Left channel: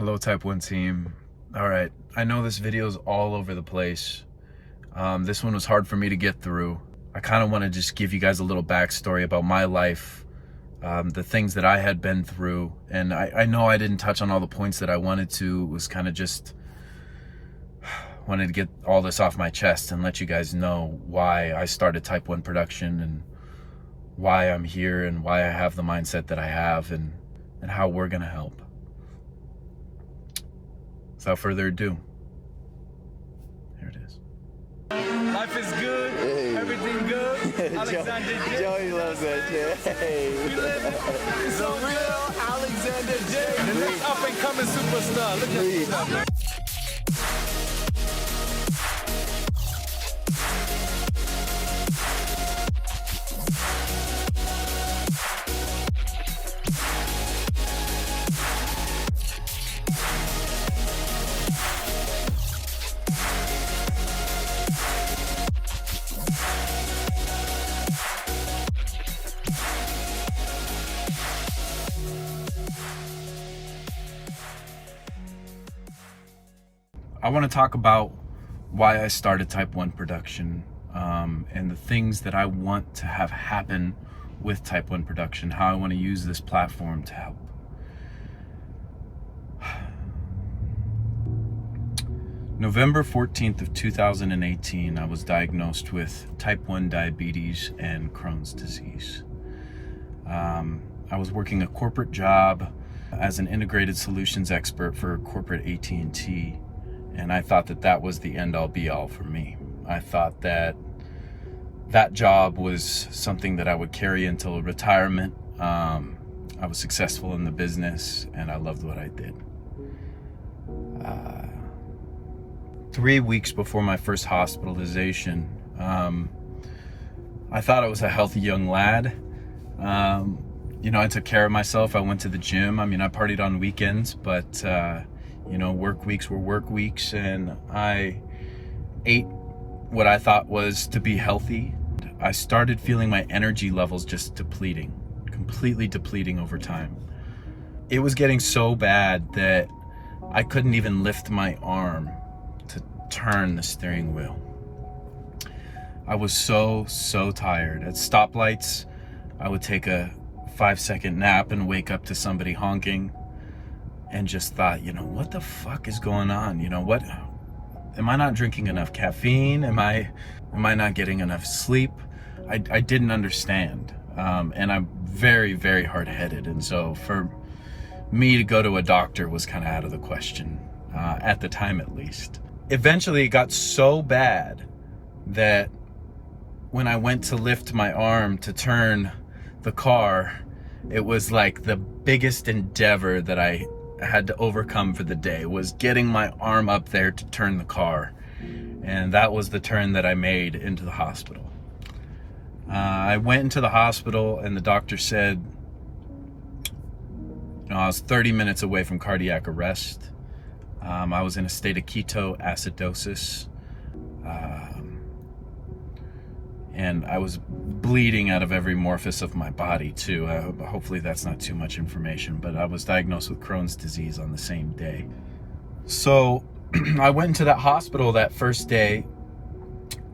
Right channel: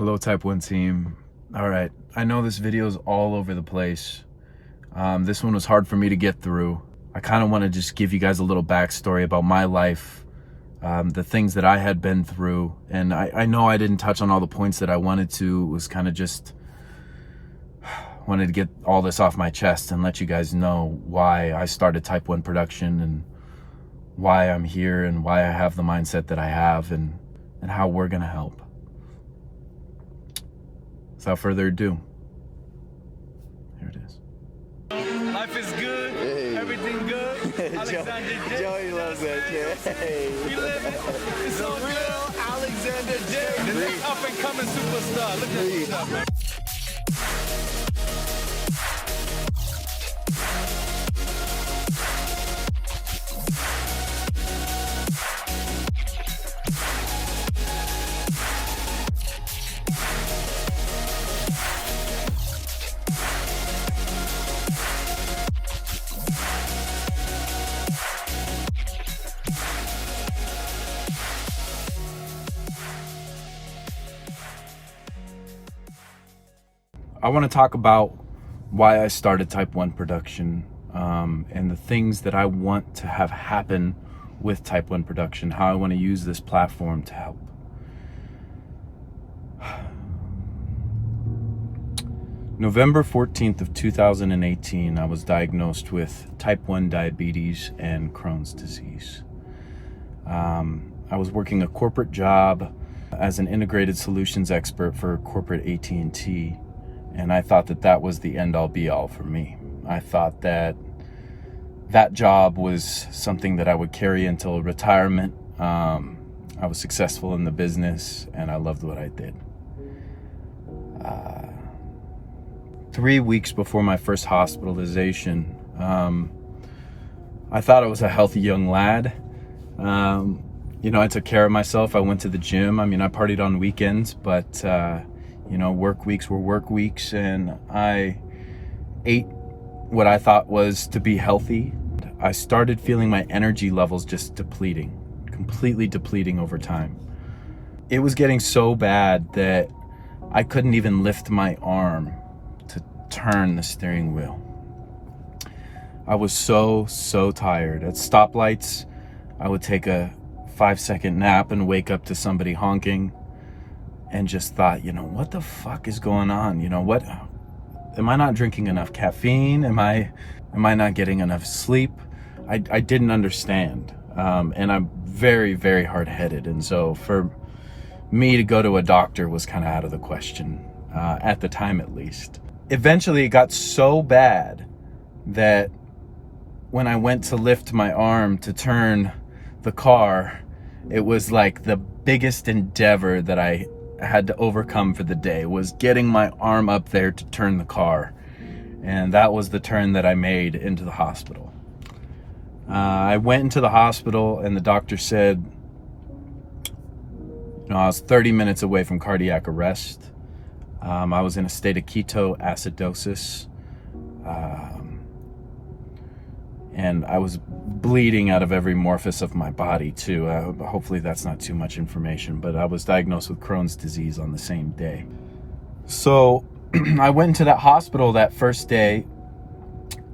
Hello type 1 team. Alright, I know this video is all over the place. This one was hard for me to get through. I kind of want to just give you guys a little backstory about my life, the things that I had been through. And I know I didn't touch on all the points that I wanted to. It was kind of just wanted to get all this off my chest and let you guys know why I started type 1 production and why I'm here and why I have the mindset that I have and how we're going to help. Without further ado, here it is. Life is good, hey. Everything good. Alexanderj. Joey loves that shit. Hey. We live it. It's The all real good. Alexanderj. The next up and coming superstar. Look at this up, man. I want to talk about why I started type 1 production and the things that I want to have happen with type 1 production, how I want to use this platform to help. November 14th of 2018, I was diagnosed with type 1 diabetes and Crohn's disease. I was working a corporate job as an integrated solutions expert for corporate AT&T. And I thought that that was the end-all be-all for me. I thought that that job was something that I would carry until retirement. I was successful in the business and I loved what I did. 3 weeks before my first hospitalization, I thought I was a healthy young lad. I took care of myself. I went to the gym. I partied on weekends, but work weeks were work weeks, and I ate what I thought was to be healthy. I started feeling my energy levels just depleting, completely depleting over time. It was getting so bad that I couldn't even lift my arm to turn the steering wheel. I was so tired. At stoplights, I would take a 5-second nap and wake up to somebody honking. And just thought, what the fuck is going on? What am I not drinking enough caffeine? Am I not getting enough sleep? I didn't understand. And I'm very, very hard-headed. And so for me to go to a doctor was kind of out of the question, at the time at least. Eventually it got so bad that when I went to lift my arm to turn the car, it was like the biggest endeavor that I had to overcome for the day was getting my arm up there to turn the car. And that was the turn that I made into the hospital. I went into the hospital and the doctor said, I was 30 minutes away from cardiac arrest. I was in a state of ketoacidosis. And I was bleeding out of every orifice of my body too. Hopefully that's not too much information, but I was diagnosed with Crohn's disease on the same day. So I went into that hospital that first day,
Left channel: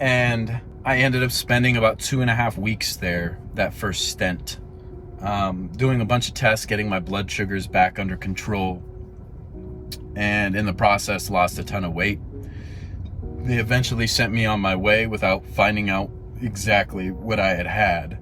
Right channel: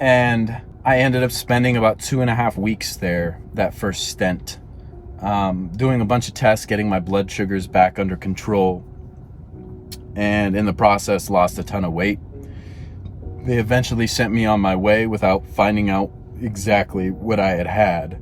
and I ended up spending about 2.5 weeks there, that first stent, doing a bunch of tests, getting my blood sugars back under control, and in the process lost a ton of weight. They eventually sent me on my way without finding out exactly what I had.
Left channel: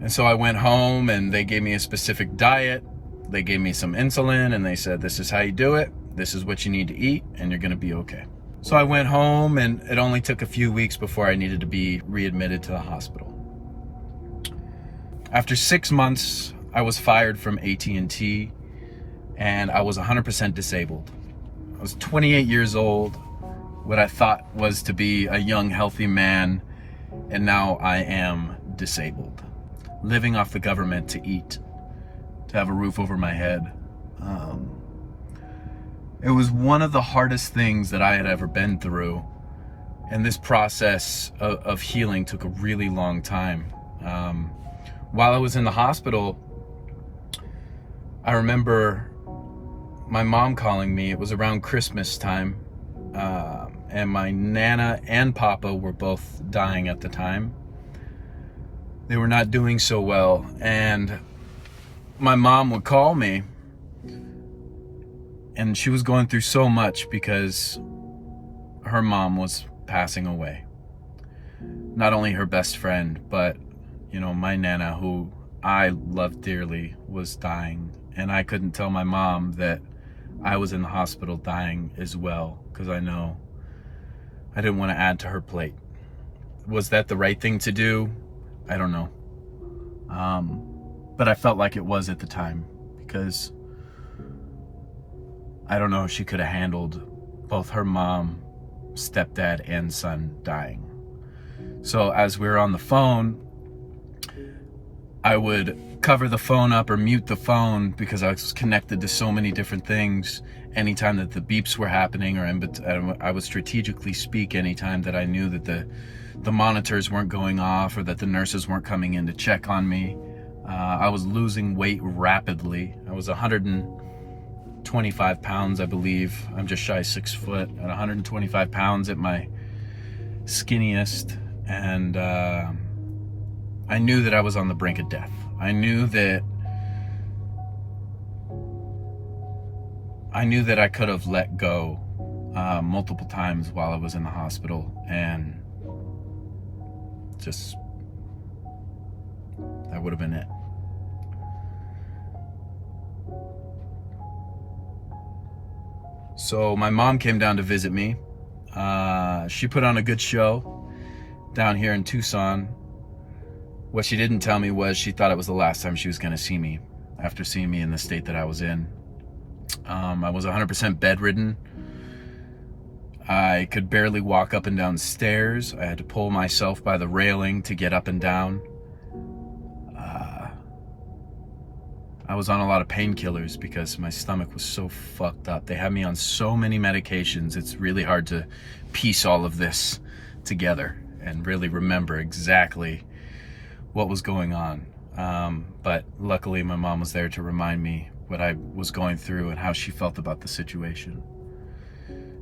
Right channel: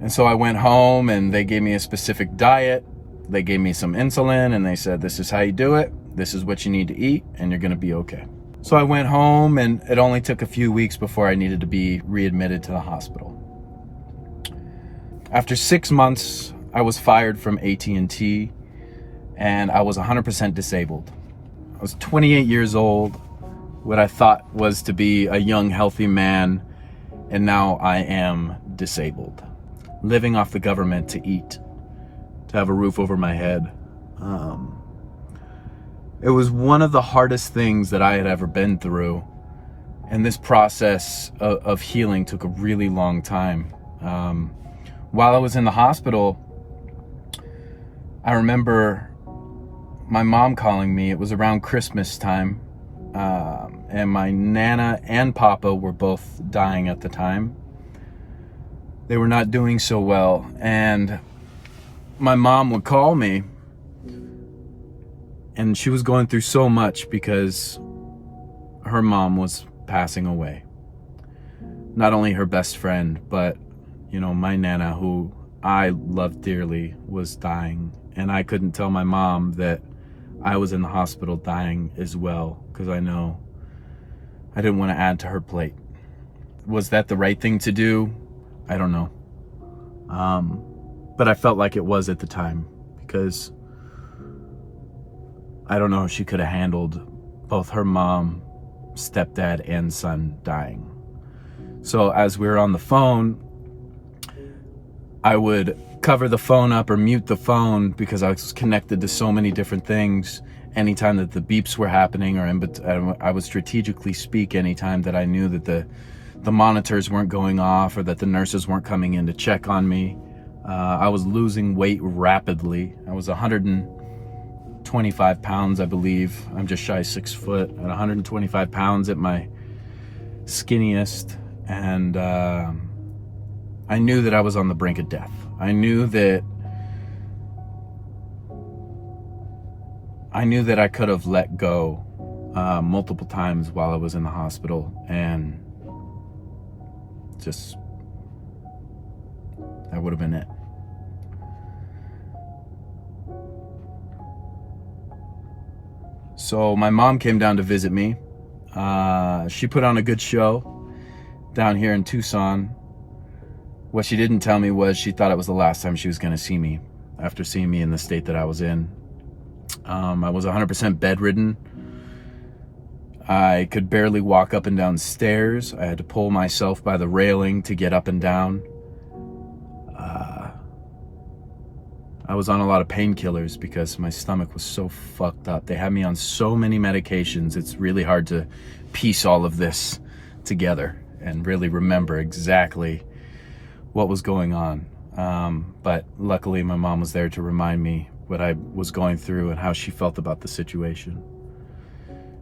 And so I went home and they gave me a specific diet. They gave me some insulin and they said, this is how you do it. This is what you need to eat and you're going to be okay. So I went home and it only took a few weeks before I needed to be readmitted to the hospital. After 6 months, I was fired from AT&T and I was 100% disabled. I was 28 years old, what I thought was to be a young, healthy man. And now I am disabled, living off the government to eat, to have a roof over my head. It was one of the hardest things that I had ever been through. And this process of healing took a really long time. While I was in the hospital, I remember my mom calling me. It was around Christmas time, and my Nana and Papa were both dying at the time. They were not doing so well, and my mom would call me, and she was going through so much because her mom was passing away. Not only her best friend, but, you know, my Nana, who I loved dearly, was dying. And I couldn't tell my mom that I was in the hospital dying as well, because I know I didn't want to add to her plate. Was that the right thing to do? I don't know. But I felt like it was at the time, because I don't know if she could have handled both her mom, stepdad, and son dying. So as we were on the phone, I would cover the phone up or mute the phone because I was connected to so many different things. Anytime that the beeps were happening, or I would strategically speak anytime that I knew that the monitors weren't going off or that the nurses weren't coming in to check on me. I was losing weight rapidly. I was 125 pounds, I believe. I'm just shy 6 foot, and 125 pounds at my skinniest. And I knew that I was on the brink of death. I knew that I could have let go multiple times while I was in the hospital, and just that would have been it. So my mom came down to visit me. She put on a good show down here in Tucson. What she didn't tell me was she thought it was the last time she was going to see me after seeing me in the state that I was in. I was 100% bedridden. I could barely walk up and down stairs. I had to pull myself by the railing to get up and down. I was on a lot of painkillers because my stomach was so fucked up. They had me on so many medications. It's really hard to piece all of this together and really remember exactly what was going on. But luckily my mom was there to remind me what I was going through and how she felt about the situation.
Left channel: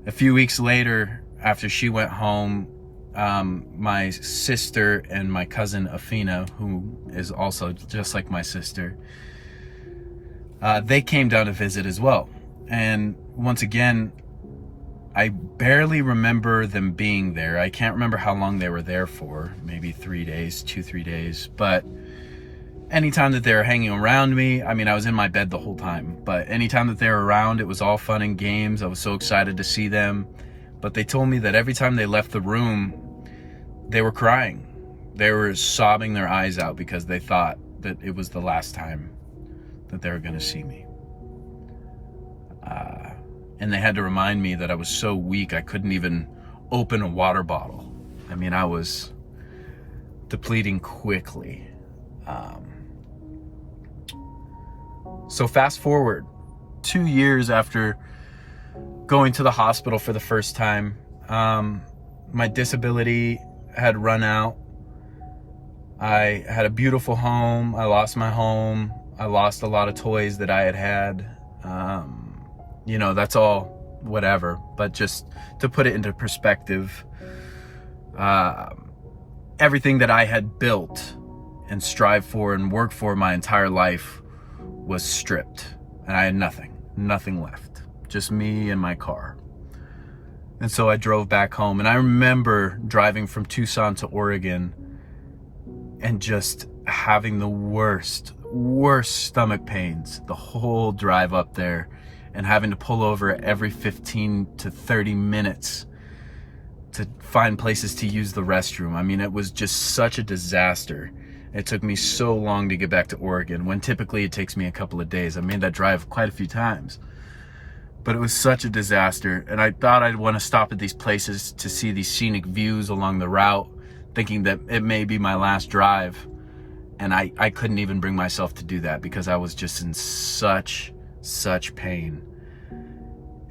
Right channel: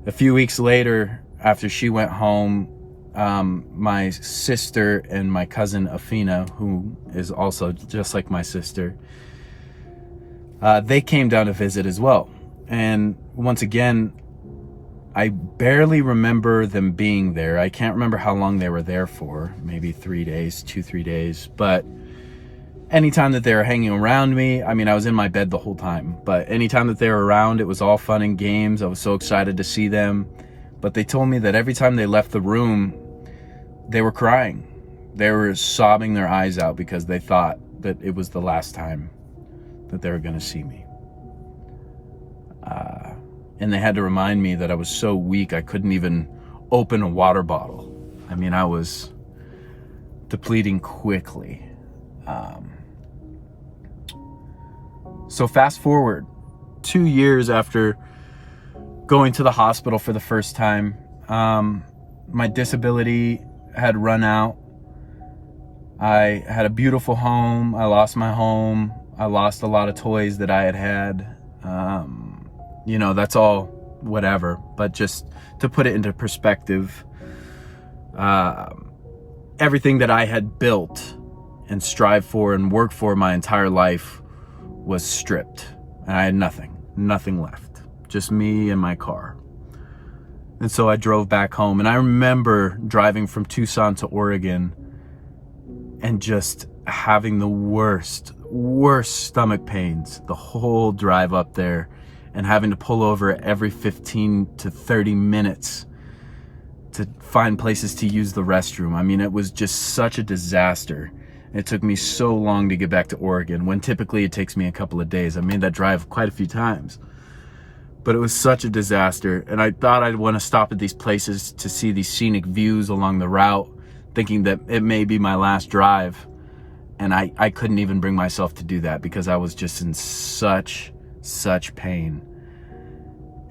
A few weeks later, after she went home, my sister and my cousin Afina, who is also just like my sister, they came down to visit as well. And once again, I barely remember them being there. I can't remember how long they were there for, maybe 3 days, 2-3 days. But anytime that they were hanging around me, I mean, I was in my bed the whole time, but anytime that they were around, it was all fun and games. I was so excited to see them. But they told me that every time they left the room, they were crying. They were sobbing their eyes out because they thought that it was the last time that they were going to see me. And they had to remind me that I was so weak I couldn't even open a water bottle. I mean, I was depleting quickly. So fast forward 2 years after going to the hospital for the first time, my disability had run out. I had a beautiful home. I lost my home. I lost a lot of toys that I had. You know, that's all whatever, but just to put it into perspective, everything that I had built and strived for and worked for my entire life was stripped, and I had nothing left, just me and my car. And so I drove back home, and I remember driving from Tucson to Oregon and just having the worst stomach pains the whole drive up there, and having to pull over every 15 to 30 minutes to find places to use the restroom. I mean, it was just such a disaster. It took me so long to get back to Oregon, when typically it takes me a couple of days. I made that drive quite a few times, but it was such a disaster. And I thought I'd want to stop at these places to see these scenic views along the route, thinking that it may be my last drive. And I couldn't even bring myself to do that because I was just in such pain.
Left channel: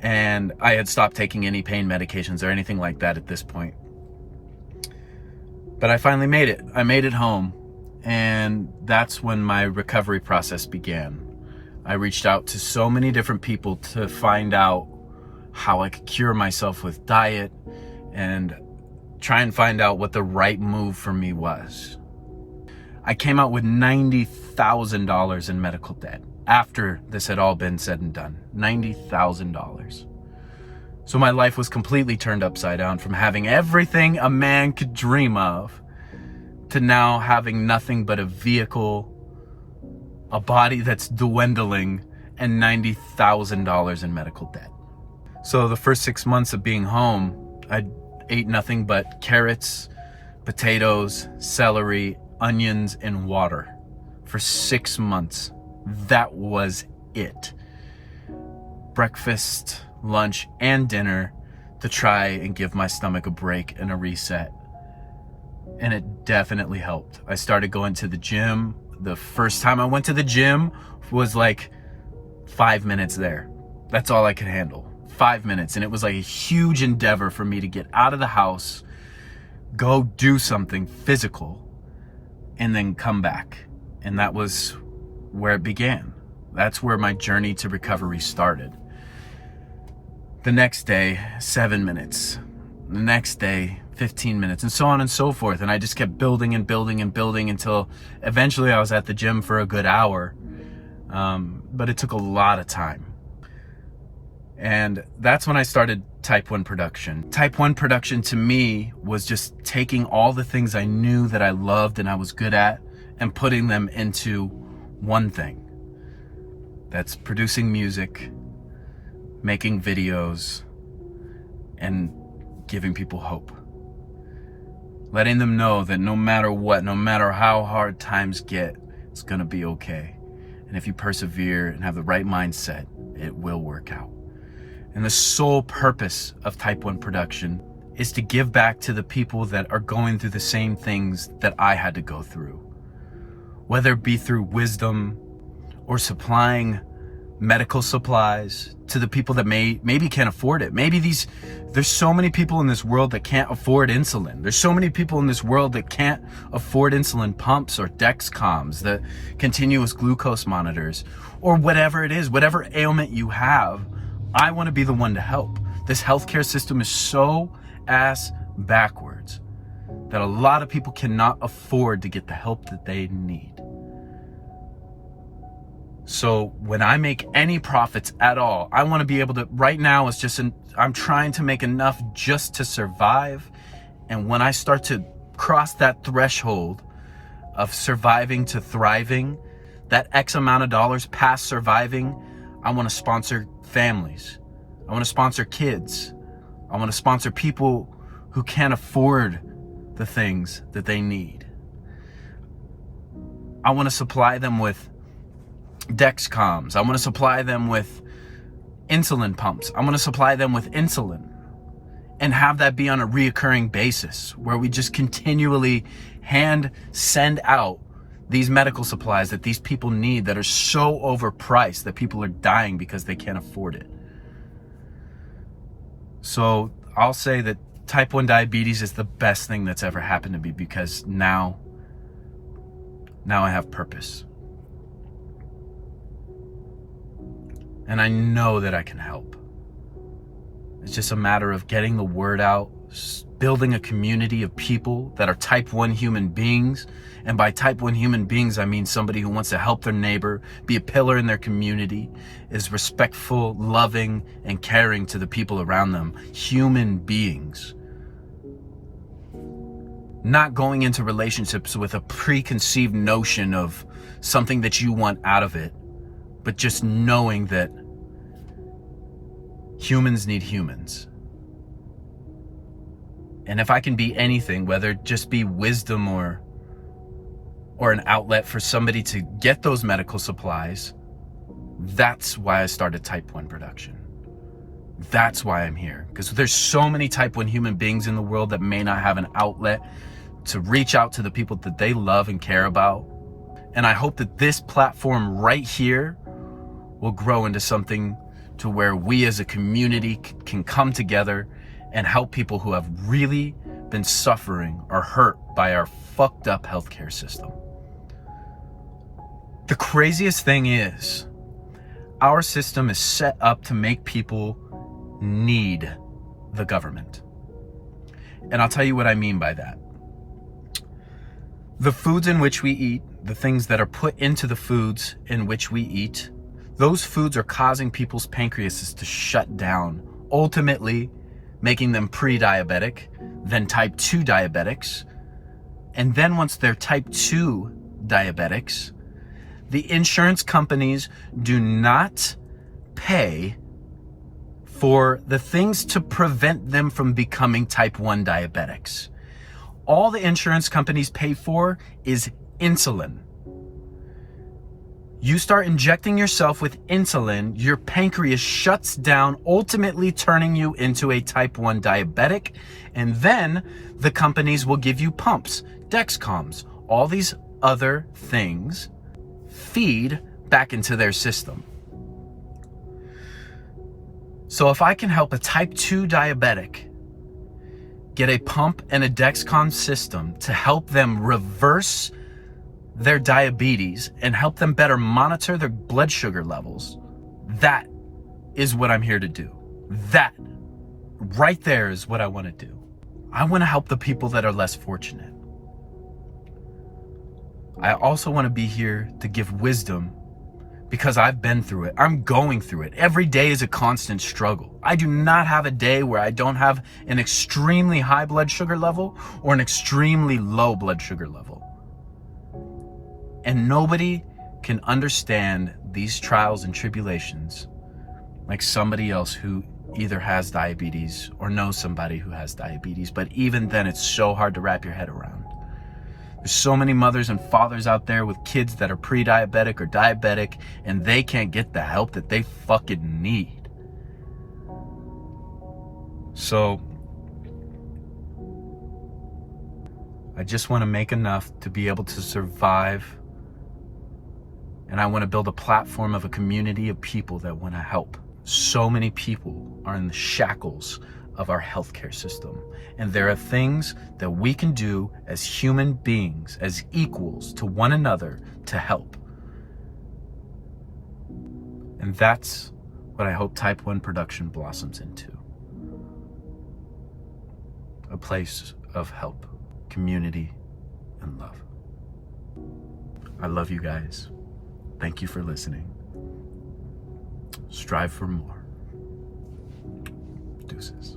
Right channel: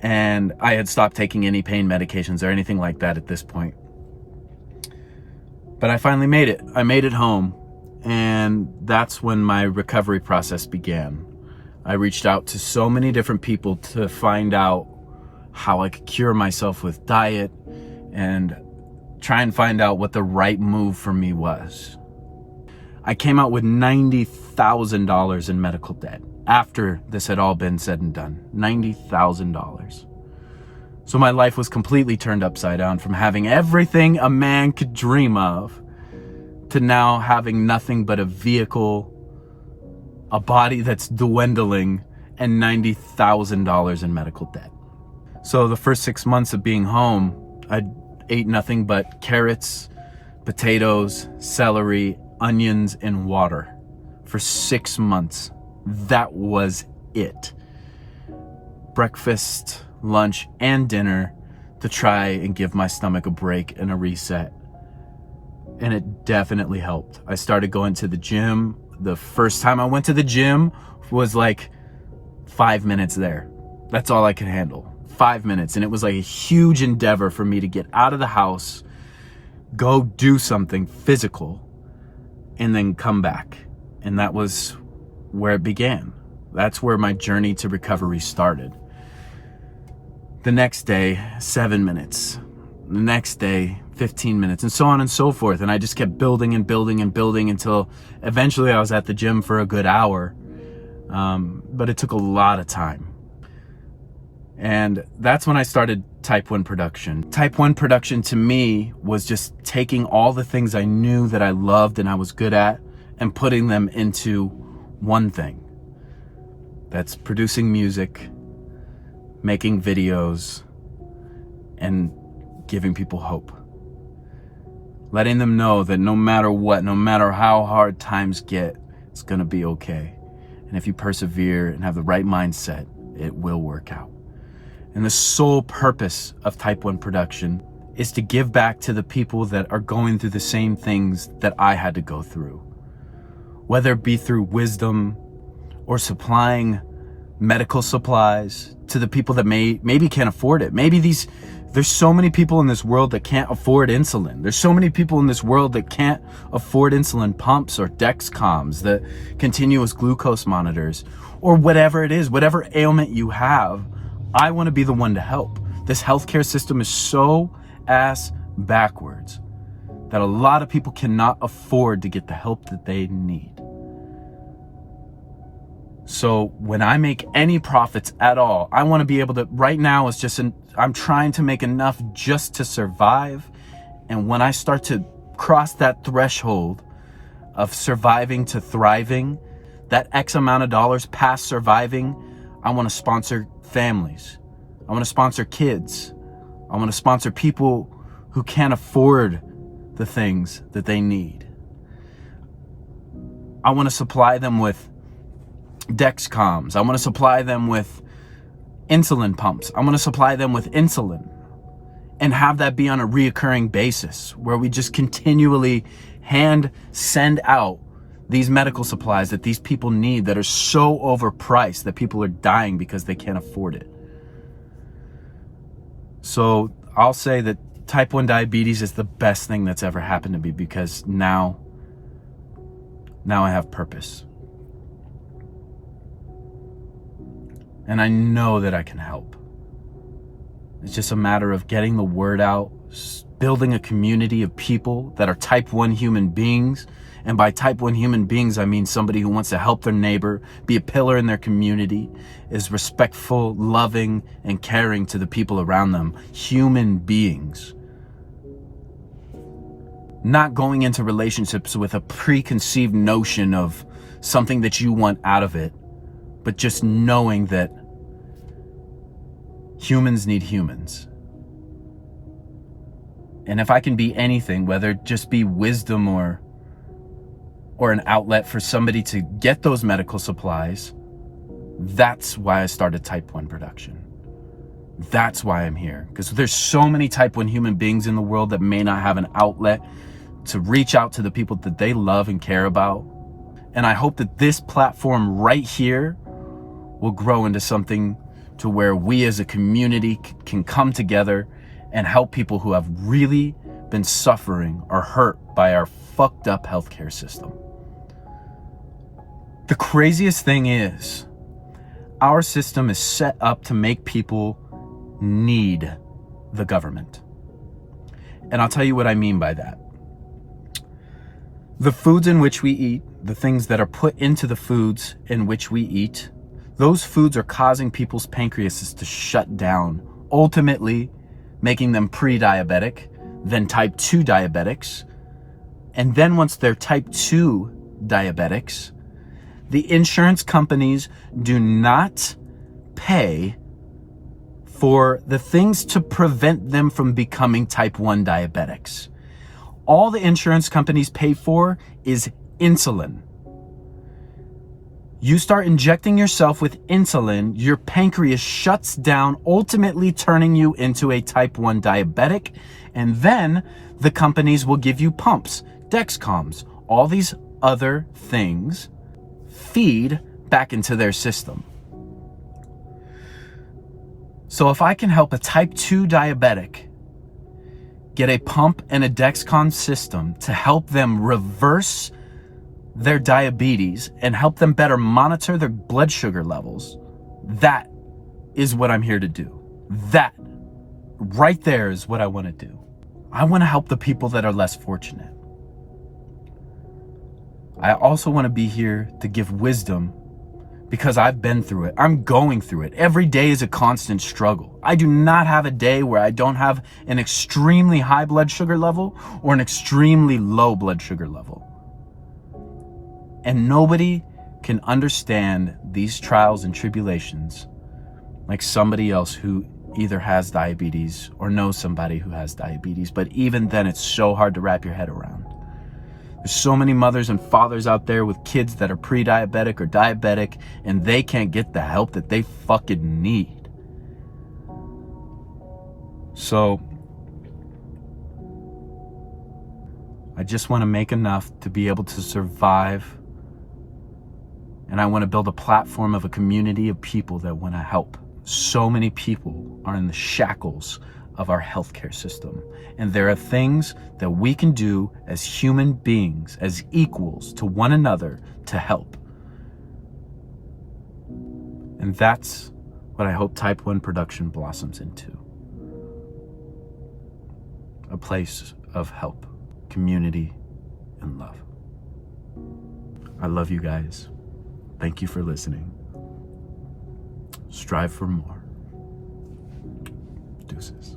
And I had stopped taking any pain medications or anything like that at this point. But I finally made it. I made it home. And that's when my recovery process began. I reached out to so many different people to find out how I could cure myself with diet and try and find out what the right move for me was. I came out with $90,000 in medical debt after this had all been said and done. $90,000. So my life was completely turned upside down, from having everything a man could dream of to now having nothing but a vehicle, a body that's dwindling, and $90,000 in medical debt. So the first 6 months of being home, I ate nothing but carrots, potatoes, celery, onions, and water for 6 months. That was it. Breakfast, lunch, and dinner to try and give my stomach a break and a reset. And it definitely helped. I started going to the gym. The first time I went to the gym was like 5 minutes there. That's all I could handle. 5 minutes. And it was like a huge endeavor for me to get out of the house, go do something physical, and then come back. And that was where it began. That's where my journey to recovery started. The next day, 7 minutes. The next day, 15 minutes, and so on and so forth. And I just kept building and building and building until eventually I was at the gym for a good hour. But it took a lot of time. And that's when I started Type 1 production. Type 1 production to me was just taking all the things I knew that I loved and I was good at and putting them into one thing. That's producing music, making videos, and giving people hope. Letting them know that no matter what, no matter how hard times get, it's gonna be okay. And if you persevere and have the right mindset, it will work out. And the sole purpose of Type 1 production is to give back to the people that are going through the same things that I had to go through. Whether it be through wisdom or supplying medical supplies to the people that maybe can't afford it. There's so many people in this world that can't afford insulin. There's so many people in this world that can't afford insulin pumps or Dexcoms, the continuous glucose monitors, or whatever it is, whatever ailment you have. I want to be the one to help. This healthcare system is so ass backwards that a lot of people cannot afford to get the help that they need. So when I make any profits at all, I want to be able to, right now it's just, I'm trying to make enough just to survive. And when I start to cross that threshold of surviving to thriving, that X amount of dollars past surviving, I want to sponsor families. I want to sponsor kids. I want to sponsor people who can't afford the things that they need. I want to supply them with Dexcoms. I want to supply them with insulin pumps. I want to supply them with insulin and have that be on a reoccurring basis where we just continually send out these medical supplies that these people need that are so overpriced that people are dying because they can't afford it. So I'll say that Type 1 diabetes is the best thing that's ever happened to me, because now I have purpose. And I know that I can help. It's just a matter of getting the word out, building a community of people that are Type 1 human beings. And by Type 1 human beings, I mean somebody who wants to help their neighbor, be a pillar in their community, is respectful, loving, and caring to the people around them. Human beings. Not going into relationships with a preconceived notion of something that you want out of it, but just knowing that humans need humans. And if I can be anything, whether it just be wisdom or an outlet for somebody to get those medical supplies, that's why I started Type 1 production. That's why I'm here. Because there's so many Type 1 human beings in the world that may not have an outlet to reach out to the people that they love and care about. And I hope that this platform right here will grow into something to where we as a community can come together and help people who have really been suffering or hurt by our fucked up healthcare system. The craziest thing is, Our system is set up to make people need the government. And I'll tell you what I mean by that. The foods in which we eat, the things that are put into the foods in which we eat, those foods are causing people's pancreases to shut down, ultimately making them pre-diabetic, then type 2 diabetics. And then once they're type 2 diabetics, the insurance companies do not pay for the things to prevent them from becoming type 1 diabetics. All the insurance companies pay for is insulin. You start injecting yourself with insulin, your pancreas shuts down, ultimately turning you into a type 1 diabetic, and then the companies will give you pumps, Dexcoms, all these other things feed back into their system. So if I can help a type 2 diabetic get a pump and a Dexcom system to help them reverse their diabetes and help them better monitor their blood sugar levels, that is what I'm here to do. That right there is what I want to do. I want to help the people that are less fortunate. I also want to be here to give wisdom because I've been through it. I'm going through it. Every day is a constant struggle. I do not have a day where I don't have an extremely high blood sugar level or an extremely low blood sugar level. And nobody can understand these trials and tribulations like somebody else who either has diabetes or knows somebody who has diabetes. But even then, it's so hard to wrap your head around. There's so many mothers and fathers out there with kids that are pre-diabetic or diabetic, and they can't get the help that they fucking need. So I just want to make enough to be able to survive, and I want to build a platform of a community of people that want to help. So many people are in the shackles of our healthcare system. And there are things that we can do as human beings, as equals to one another, to help. And that's what I hope Type 1 production blossoms into. A place of help, community, and love. I love you guys. Thank you for listening. Strive for more. Deuces.